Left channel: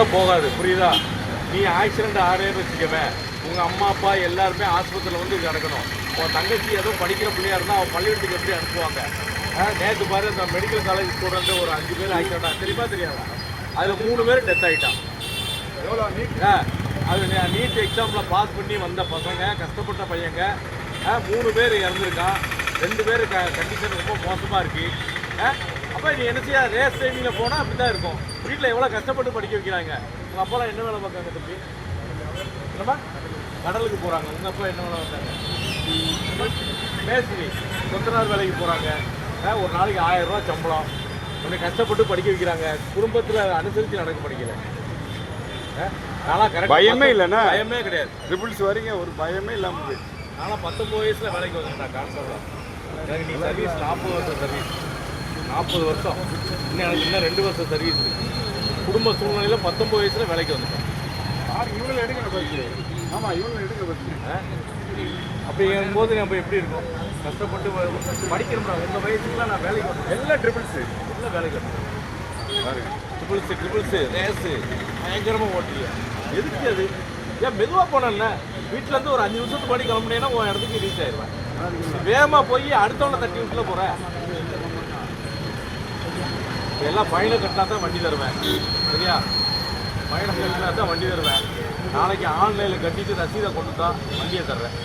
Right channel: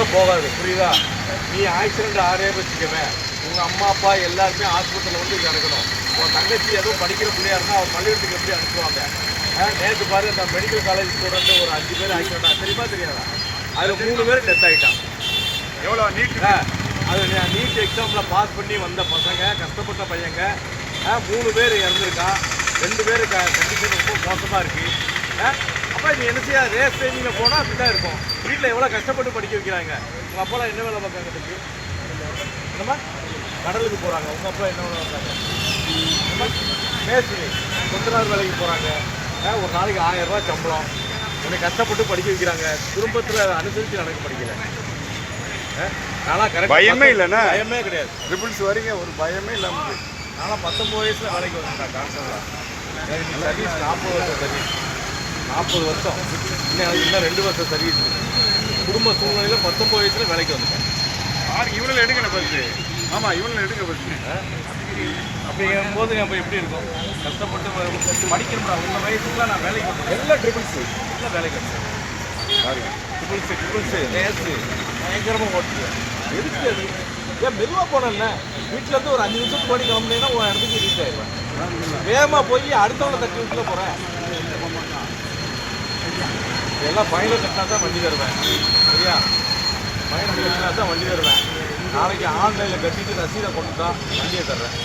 உயிரோட போகாது புரியுதா? நீ ஆக்சிடென்ட் ஆறே வச்சுக்கவே உங்கள் அம்மா அப்பா எல்லாருமே ஆஸ்பத்திரியில் வந்து கிடக்கணும். உன் தங்கச்சி ஏதோ படிக்கிற பிள்ளையா இருந்தால் அவன் பள்ளிக்கூடத்துக்கு எப்படி அனுப்புவாங்க? நேற்று பாரு இந்த மெடிக்கல் காலேஜ் ஸ்டூடெண்ட் ஒரு அஞ்சு பேர் ஆக்சிடென்ட் தெரியுமா தெரியாதா? அதில் மூணு பேர் டெத் ஆகிட்டான் எவ்வளோ நீட் ஆ, அது நீட் எக்ஸாமில் பாஸ் பண்ணி வந்த பசங்க கஷ்டப்பட்ட பையங்க ஆ, மூணு பேர் இறந்துருக்கான். ரெண்டு பேர் கண்டிஷன் ரொம்ப மோசமாக இருக்கு. அப்போ நீ என்ன செய்ய? ரேஸ் டைமிங்கில் போனால் அப்படி தான் இருக்கும். வீட்டில் எவ்வளோ கஷ்டப்பட்டு படிக்க வைக்கிறாங்க? உங்கள் அப்பாலாம் என்ன வேலை பார்க்காங்க தம்பி? என்னம்மா? கடலுக்கு போகிறாங்க உங்கள் அப்பா என்ன வேலை பார்க்குறாங்க? மேஸ்திரி கொத்தனார் வேலைக்கு போகிறாங்க ஒரு நாளைக்கு ஆயிரம் ரூபாய் சம்பளம். உன்னை கஷ்டப்பட்டு படிக்க வைக்கிறாங்க. குடும்பத்தில் அனுசரித்து நடக்க படிக்கல. நானா கரெக்ட் பயமே இல்லைண்ணா? பயமே கிடையாது. ட்ரிபிள்ஸ் வரீங்க ஒரு பயமே இல்லாமல். நான்லாம் பத்தொம்பது வயசில் வேலைக்கு வந்தேன் கான்ஸ்டபிளாக சர்வீஸ் நாற்பது வருஷம் சர்வீஸ் நாற்பது வருஷம். இன்னும் எனக்கு இன்னும் ரெண்டு வருஷம் சர்வீஸ் இருக்கு. குடும்ப சூழ்நிலையில் பத்தொம்பது வயசில் வேலைக்கு வந்துட்டேன். பாருங்க இவனில் எடுக்கணும் ஃபஸ்ட்டு ஆமாம் இவனில் எடுங்க ஃபஸ்ட்டு அப்படிங்கும்போது நம்ம எப்படி இருக்கும்? கஷ்டப்பட்டு வ- படிக்கிறோம்டா உங்கள் வயசுக்குலாம் நான் வேலைக்கு எல்லாம் ட்ரிபிள்ஸ் எல்லாம் வேலைக்கு வந்தேன் பாருங்க. ட்ரிபிள்ஸு ட்ரிபிள்ஸு நேஸு பயங்கரமாக ஓட்டிய எதுக்கு அது? ஏன் மெதுவாக போனேன்ல? வீட்டிலேருந்து ஒரு அஞ்சு நிமிஷத்துக்கு முன்னாடி கிளம்புனீங்கன்னா ஒரு இடத்துக்கு ரீச் ஆயிடுவேன். வேகமாக போய் அடுத்தவனை தட்டி விட்டுல போகிறேன் எல்லாம் ஃபைனை கட்டினா தான் வண்டி தருவேன். சரியா? ஃபைனை கட்டினா தான் வண்டி தருவேன். நாளைக்கு ஆன்லைனில் கட்டிட்டு ரசீதை கொண்டு தான் வண்டியை தர்றேன்.